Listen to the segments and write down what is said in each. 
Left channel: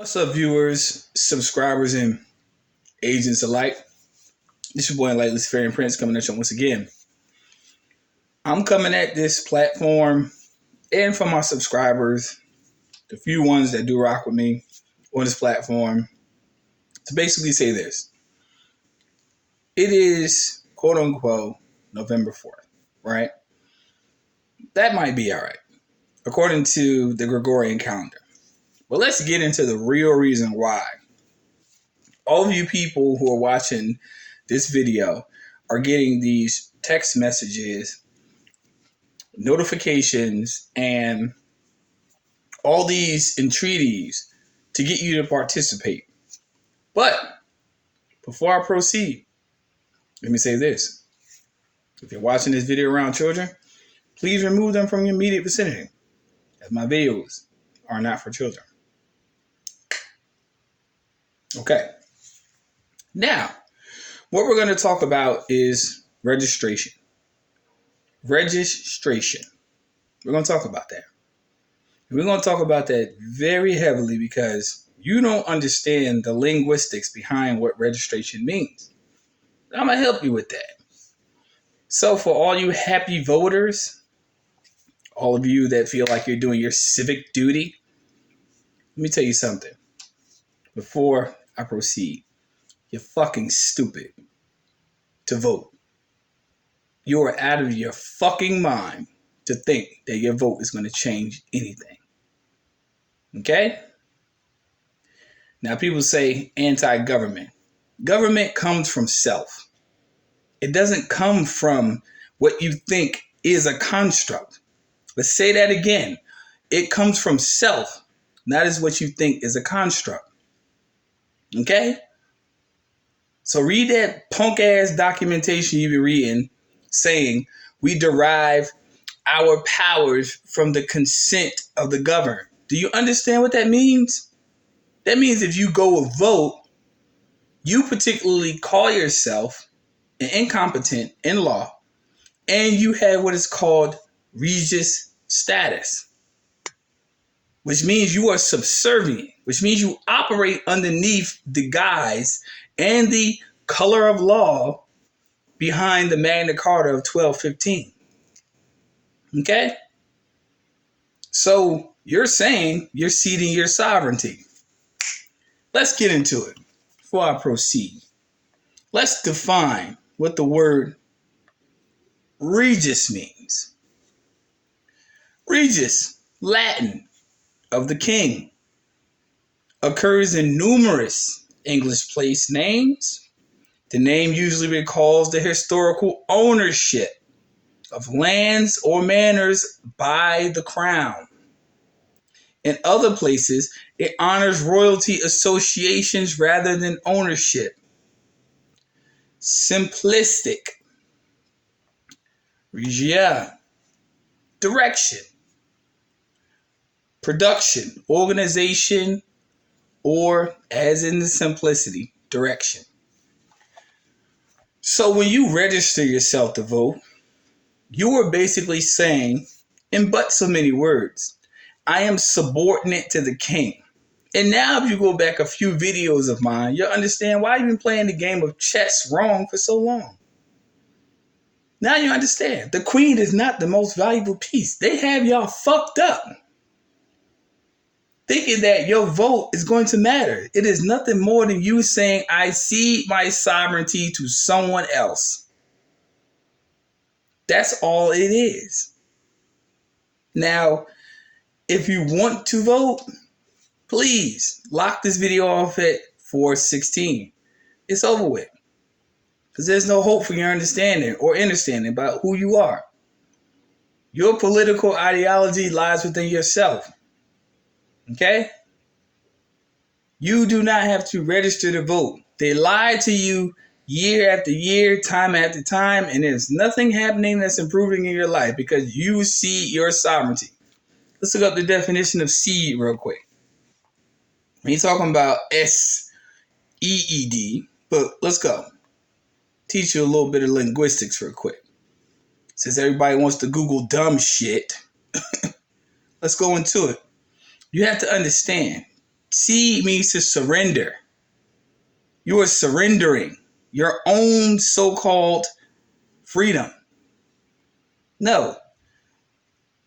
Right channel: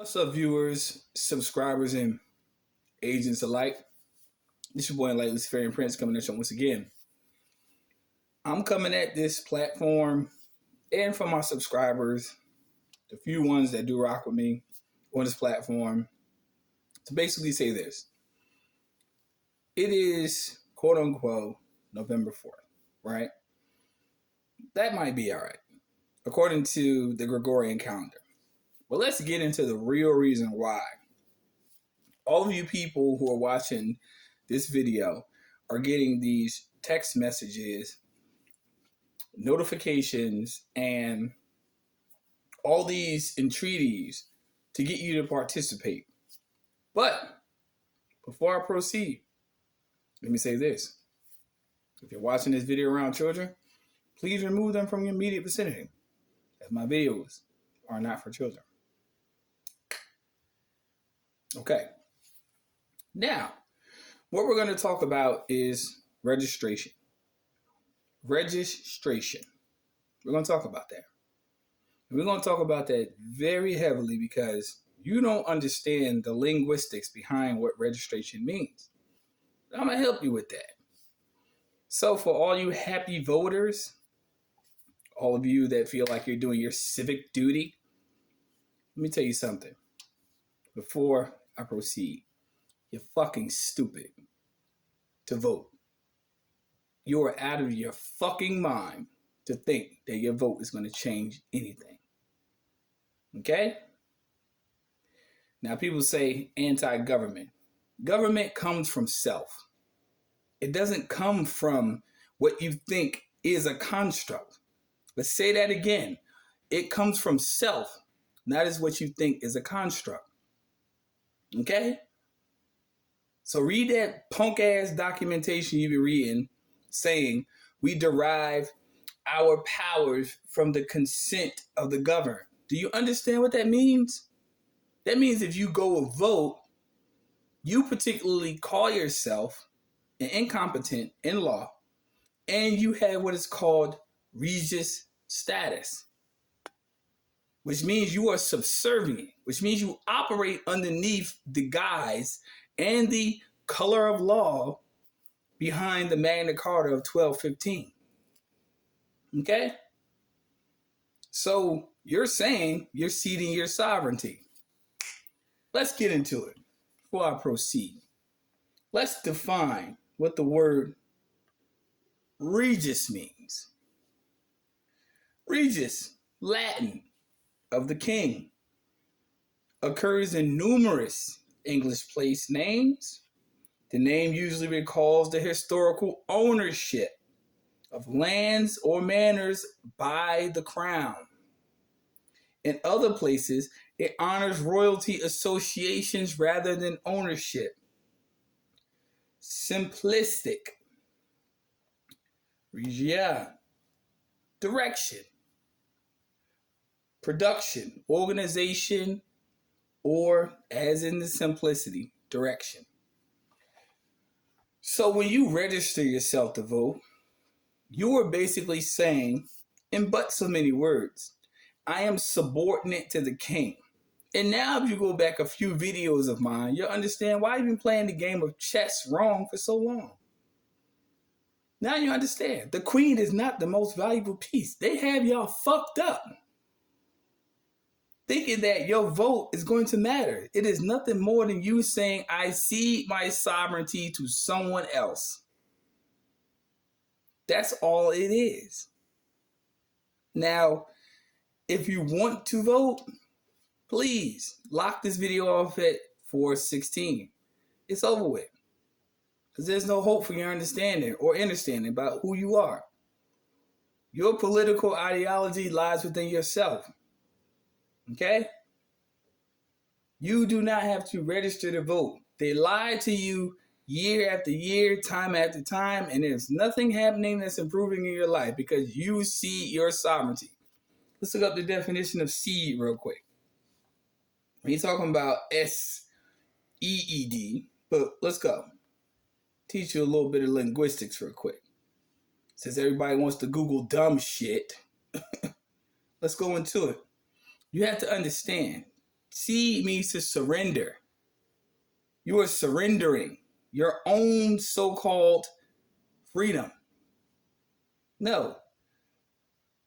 What's up, viewers, subscribers, and agents alike? This is your boy Enlightened Luciferian Prince coming at you once again. I'm coming at this platform and for my subscribers, the few ones that do rock with me on this platform, to basically say this. It is, quote unquote, November 4th, right? That might be all right, according to the Gregorian calendar. But let's get into the real reason why. All of you people who are watching this video are getting these text messages, notifications, and all these entreaties to get you to participate. But before I proceed, let me say this. If you're watching this video around children, please remove them from your immediate vicinity, as my videos are not for children. Okay. Now, what we're going to talk about is registration. Registration. We're going to talk about that. And we're going to talk about that very heavily because you don't understand the linguistics behind what registration means. I'm going to help you with that. So for all you happy voters, all of you that feel like you're doing your civic duty, let me tell you something. Before I proceed, you're fucking stupid to vote. You are out of your fucking mind to think that your vote is going to change anything. Okay? Now, people say anti-government. Government comes from self. It doesn't come from what you think is a construct. Let's say that again. It comes from self, not as what you think is a construct. Okay? So read that punk-ass documentation you've been reading saying we derive our powers from the consent of the governed. Do you understand what that means? That means if you go vote, you particularly call yourself an incompetent in law, and you have what is called Regis status, which means you are subservient, which means you operate underneath the guise and the color of law behind the Magna Carta of 1215. Okay? So you're saying you're ceding your sovereignty. Let's get into it before I proceed. Let's define what the word Regis means. Regis, Latin, of the king, occurs in numerous English place names. The name usually recalls the historical ownership of lands or manors by the crown. In other places, it honors royalty associations rather than ownership. Simplistic. Regia. Direction. Production, organization, or, as in the simplicity, direction. So when you register yourself to vote, you are basically saying, in but so many words, I am subordinate to the king. And now if you go back a few videos of mine, you'll understand why I've been playing the game of chess wrong for so long. Now you understand. The queen is not the most valuable piece. They have y'all fucked up, thinking that your vote is going to matter. It is nothing more than you saying, I cede my sovereignty to someone else. That's all it is. Now, if you want to vote, please lock this video off at 4:16. It's over with. Because there's no hope for your understanding or understanding about who you are. Your political ideology lies within yourself. Okay? You do not have to register to vote. They lie to you year after year, time after time, and there's nothing happening that's improving in your life because you cede your sovereignty. Let's look up the definition of cede real quick. He's talking about S-E-E-D, but let's go. Teach you a little bit of linguistics real quick. Since everybody wants to Google dumb shit, let's go into it. You have to understand, Cede means to surrender. You are surrendering your own so-called freedom. No,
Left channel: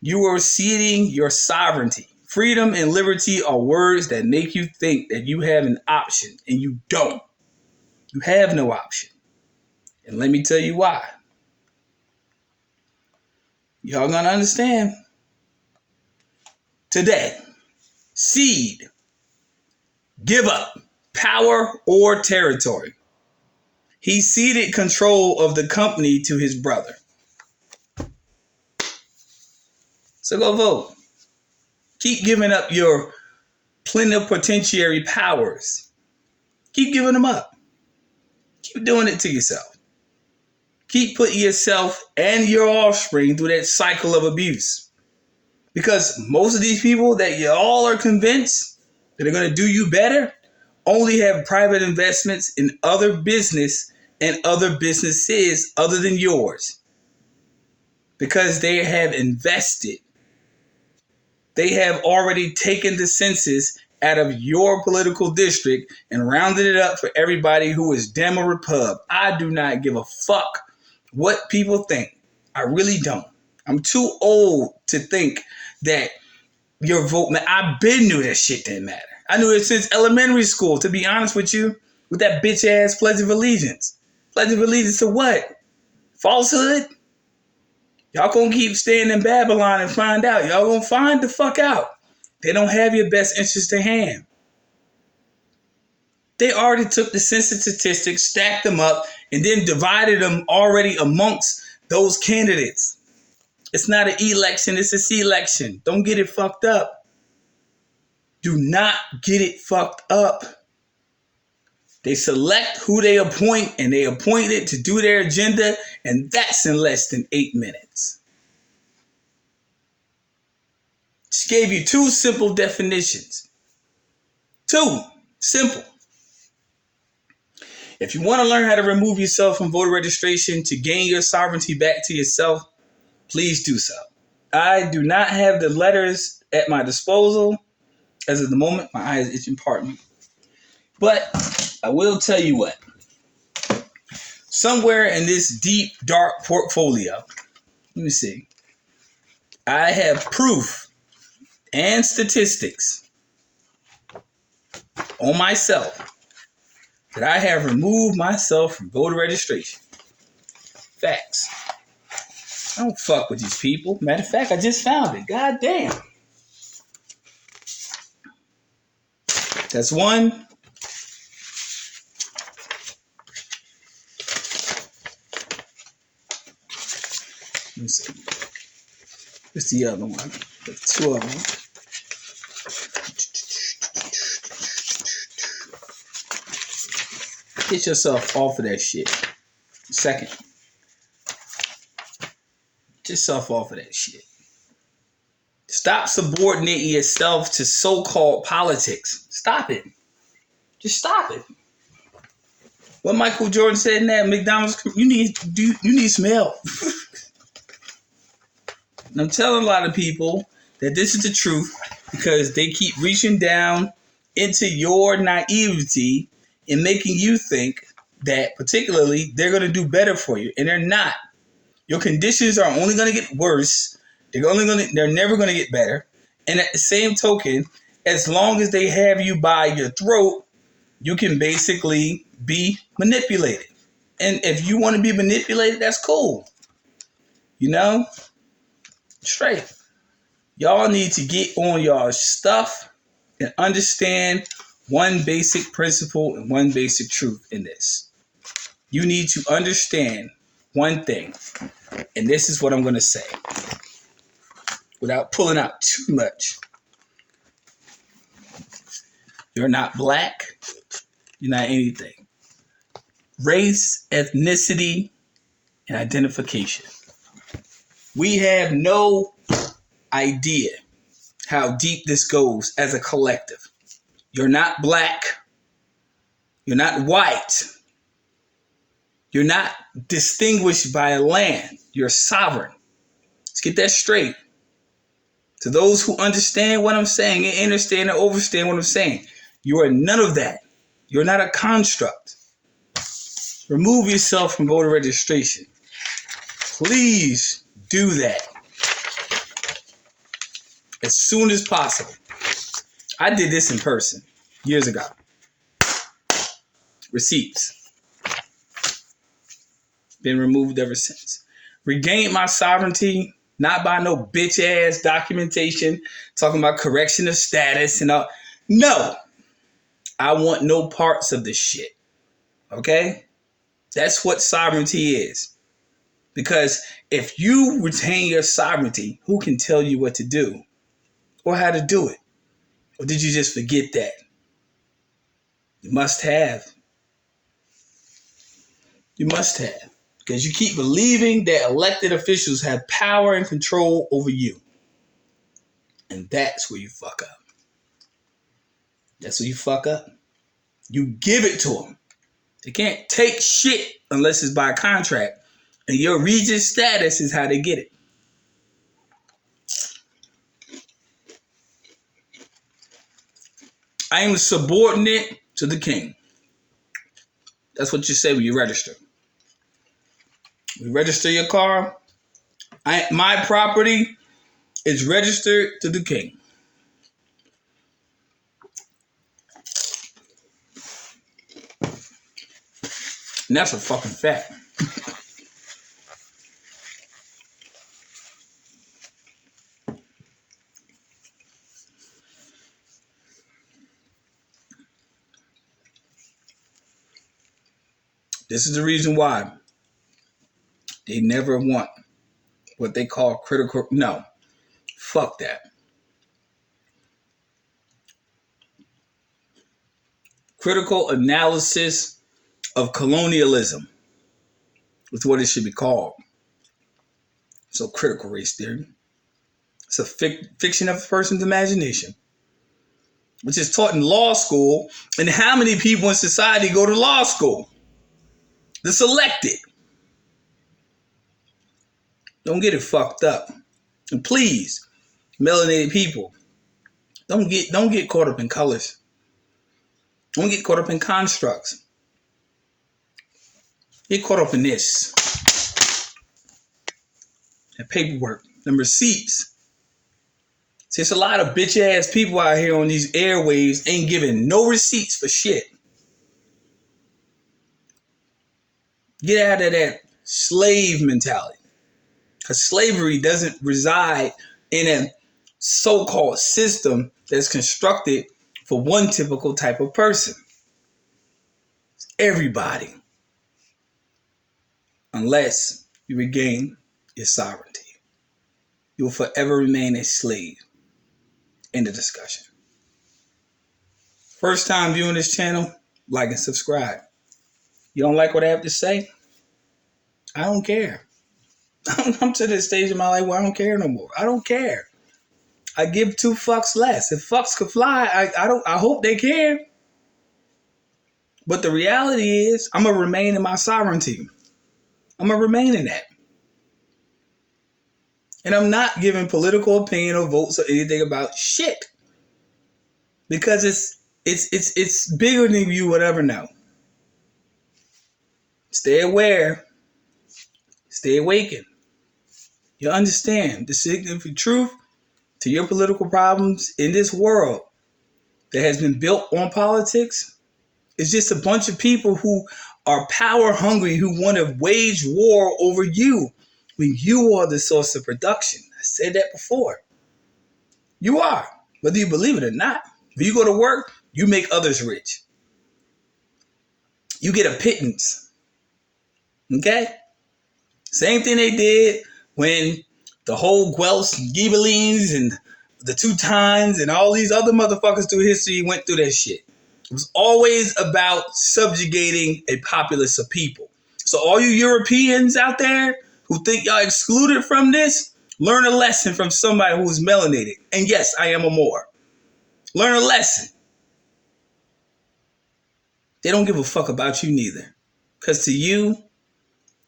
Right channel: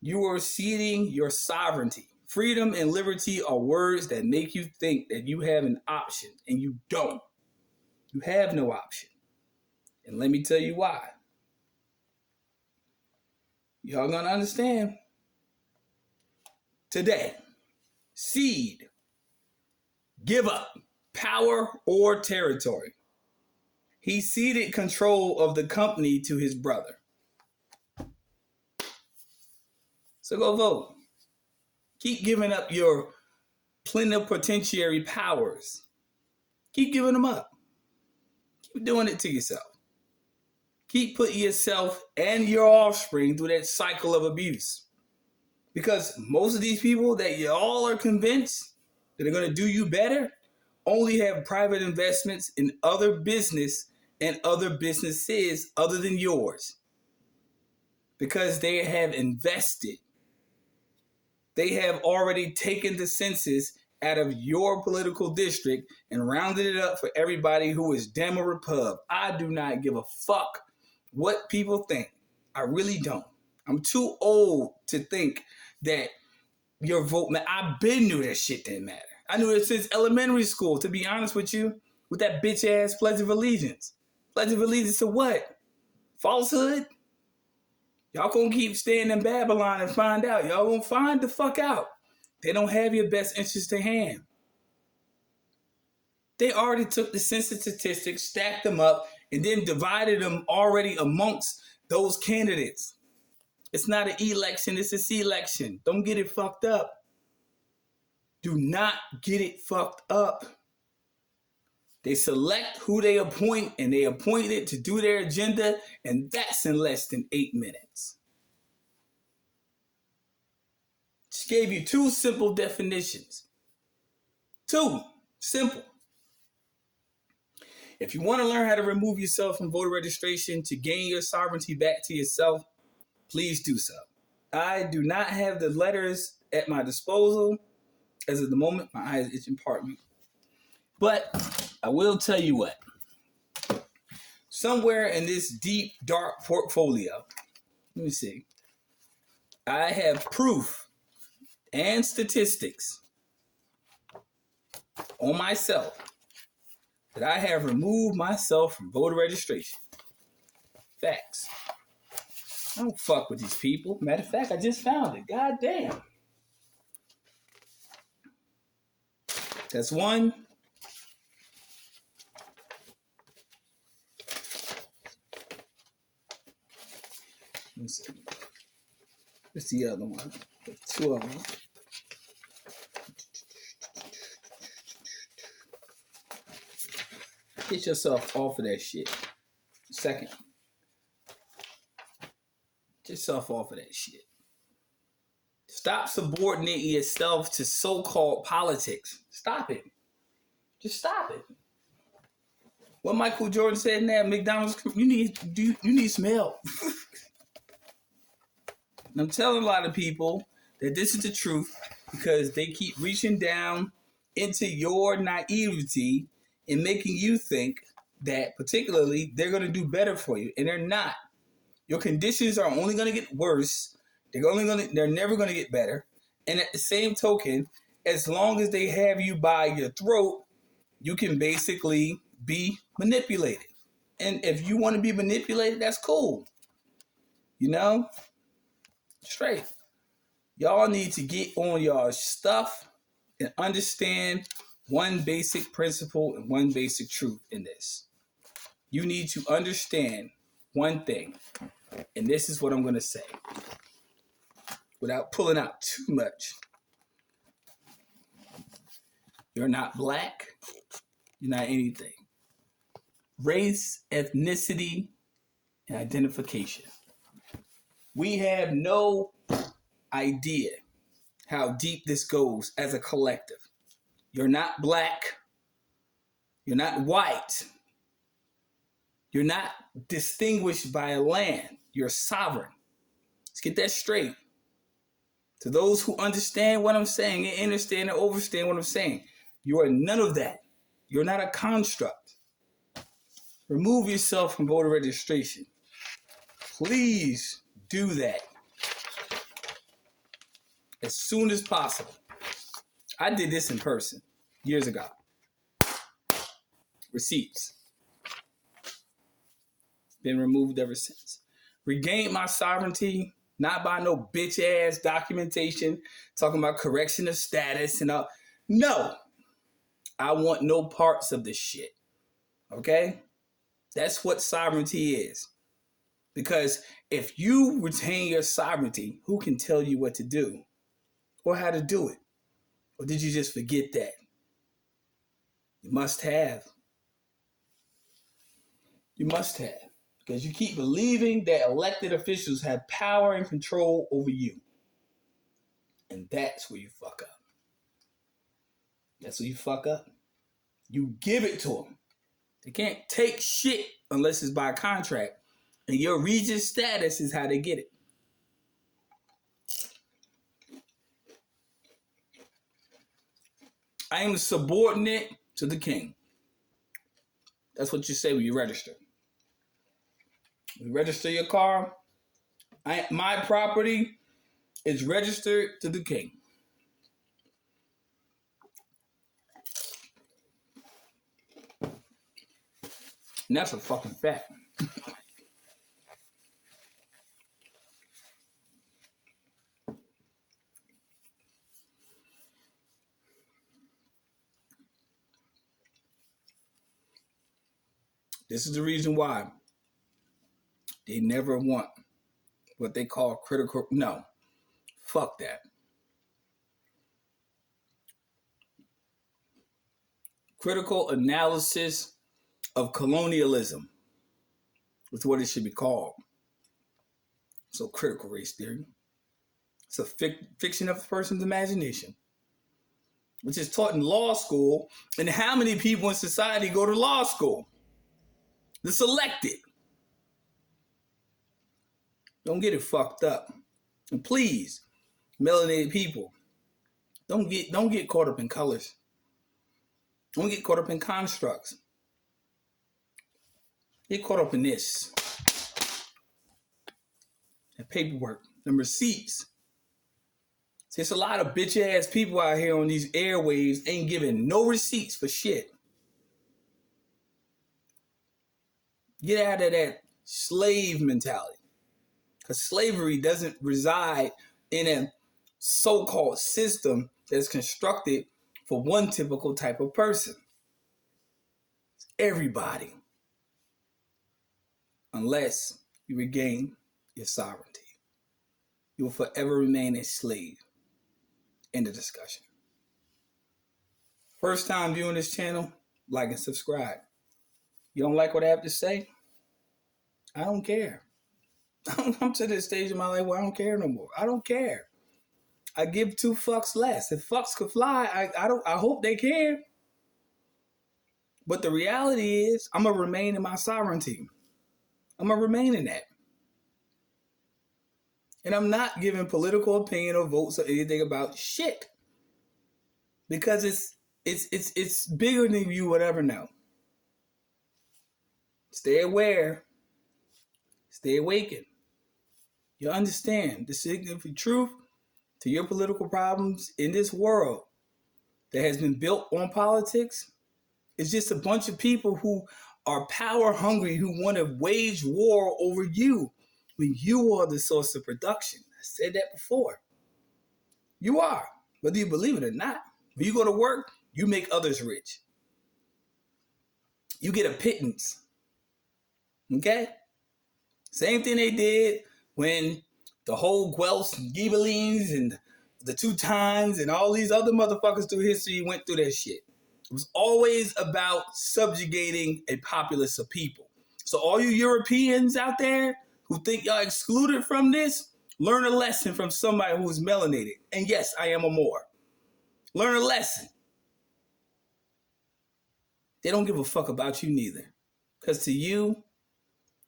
you are ceding your sovereignty. Freedom and liberty are words that make you think that you have an option, and you don't. You have no option. And let me tell you why. Y'all gonna understand. Today, cede, give up power or territory. He ceded control of the company to his brother. So go vote. Keep giving up your plenipotentiary powers. Keep giving them up. Keep doing it to yourself. Keep putting yourself and your offspring through that cycle of abuse. Because most of these people that you all are convinced that are going to do you better only have private investments in other business and other businesses other than yours. Because they have invested. They have already taken the census out of your political district and rounded it up for everybody who is Dem or Repub. I do not give a fuck what people think. I really don't. I'm too old to think that your vote, man. I been knew that shit didn't matter. I knew it since elementary school, to be honest with you, with that bitch ass Pledge of Allegiance. Pledge of Allegiance to what? Falsehood? Y'all gonna keep staying in Babylon and find out. Y'all gonna find the fuck out. They don't have your best interest in hand. They already took the census statistics, stacked them up, and then divided them already amongst those candidates. It's not an election, it's a selection. Don't get it fucked up. Do not get it fucked up. They select who they appoint, and they appoint it to do their agenda, and that's in less than 8 minutes. Just gave you 2 simple definitions. 2. Simple. If you want to learn how to remove yourself from voter registration to gain your sovereignty back to yourself, please do so. I do not have the letters at my disposal. As of the moment, my eye is itching, pardon me. But I will tell you what. Somewhere in this deep, dark portfolio, let me see, I have proof and statistics on myself that I have removed myself from voter registration. Facts. I don't fuck with these people. Matter of fact, I just found it. God damn. That's one. Let me see. What's the other one? There's 2 of them. Get yourself off of that shit. Second. Get yourself off of that shit. Stop subordinating yourself to so-called politics. Stop it. Just stop it. What Michael Jordan said in that McDonald's, you need some help. And I'm telling a lot of people that this is the truth because they keep reaching down into your naivety and making you think that particularly they're going to do better for you. And they're not. Your conditions are only going to get worse. They're never going to get better. And at the same token, as long as they have you by your throat, you can basically be manipulated. And if you want to be manipulated, that's cool. You know? Straight. Y'all need to get on y'all stuff and understand one basic principle and one basic truth in this. You need to understand one thing. And this is what I'm going to say without pulling out too much. You're not black. You're not anything. Race, ethnicity, and identification. We have no idea how deep this goes as a collective. You're not black. You're not white. You're not distinguished by a land. You're sovereign. Let's get that straight. To those who understand what I'm saying and understand and overstand what I'm saying, You are none of that. You're not a construct. Remove yourself from voter registration. Please do that as soon as possible. I did this in person years ago. Receipts. Been removed ever since. Regained my sovereignty, not by no bitch ass documentation talking about correction of status and all. No. I want no parts of this shit. Okay? That's what sovereignty is. Because if you retain your sovereignty, who can tell you what to do or how to do it? Or did you just forget that? You must have. You must have. Because you keep believing that elected officials have power and control over you. And that's where you fuck up. That's where you fuck up. You give it to them. They can't take shit unless it's by contract. And your Regis status is how they get it. I am subordinate to the king. That's what you say when you register. You register your car. My property is registered to the king. And that's a fucking fact. This is the reason why they never want what they call critical. No, fuck that. Critical analysis of colonialism is what it should be called. So critical race theory. It's a fiction of a person's imagination, which is taught in law school. And how many people in society go to law school? The selected. Don't get it fucked up. And please, melanated people, don't get caught up in colors. Don't get caught up in constructs. Get caught up in this. And paperwork. And receipts. See, it's a lot of bitch ass people out here on these airwaves ain't giving no receipts for shit. Get out of that slave mentality. Because slavery doesn't reside in a so-called system that's constructed for one typical type of person. It's everybody. Unless you regain your sovereignty. You will forever remain a slave. End of discussion. First time viewing this channel, like and subscribe. You don't like what I have to say? I don't care. I'm to this stage in my life where I don't care no more. I don't care. I give two fucks less. If fucks could fly, I hope they can. But the reality is, I'm gonna remain in my sovereignty. I'm gonna remain in that. And I'm not giving political opinion or votes or anything about shit. Because it's bigger than you would ever know. Stay aware. Stay awakened. You understand the significant truth to your political problems in this world that has been built on politics. It's just a bunch of people who are power hungry, who want to wage war over you when you are the source of production. I said that before. You are, whether you believe it or not. When you go to work, you make others rich. You get a pittance. Okay? Same thing they did when the whole Guelphs and Ghibellines and the Teutons and all these other motherfuckers through history went through that shit. It was always about subjugating a populace of people. So all you Europeans out there who think y'all excluded from this, learn a lesson from somebody who's melanated. And yes, I am a Moor. Learn a lesson. They don't give a fuck about you neither. Because to you,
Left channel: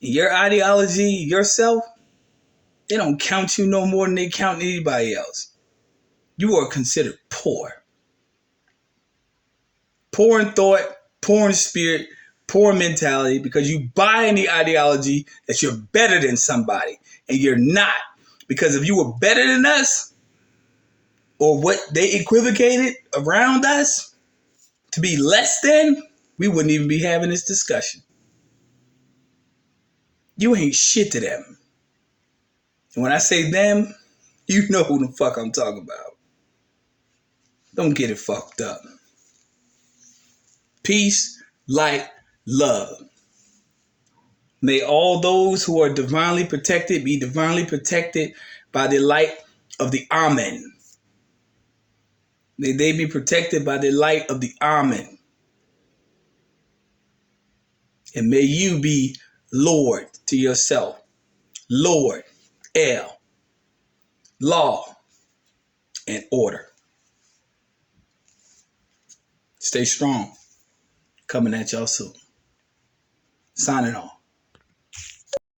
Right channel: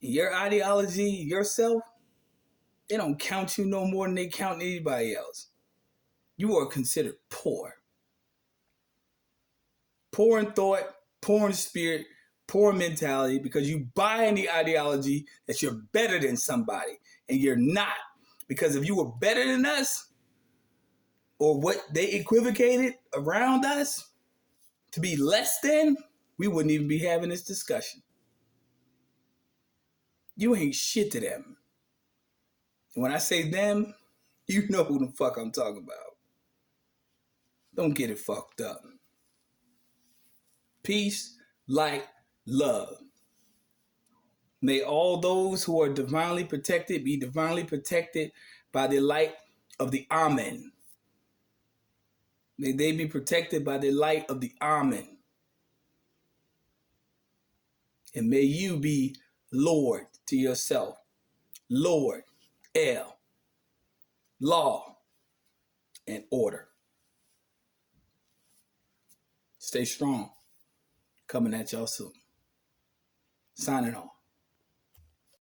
your ideology, yourself, they don't count you no more than they count anybody else. You are considered poor. poor in thought, poor in spirit, poor mentality, because you buy in the ideology that you're better than somebody, and you're not. Because if you were better than us, or what they equivocated around us to be less than, we wouldn't even be having this discussion. You ain't shit to them. And when I say them, you know who the fuck I'm talking about. Don't get it fucked up. Peace, light, love. May all those who are divinely protected be divinely protected by the light of the Amen. May they be protected by the light of the Amen. And may you be Lord to yourself. Lord, El, law, and order. Stay strong. Coming at y'all soon. Signing off.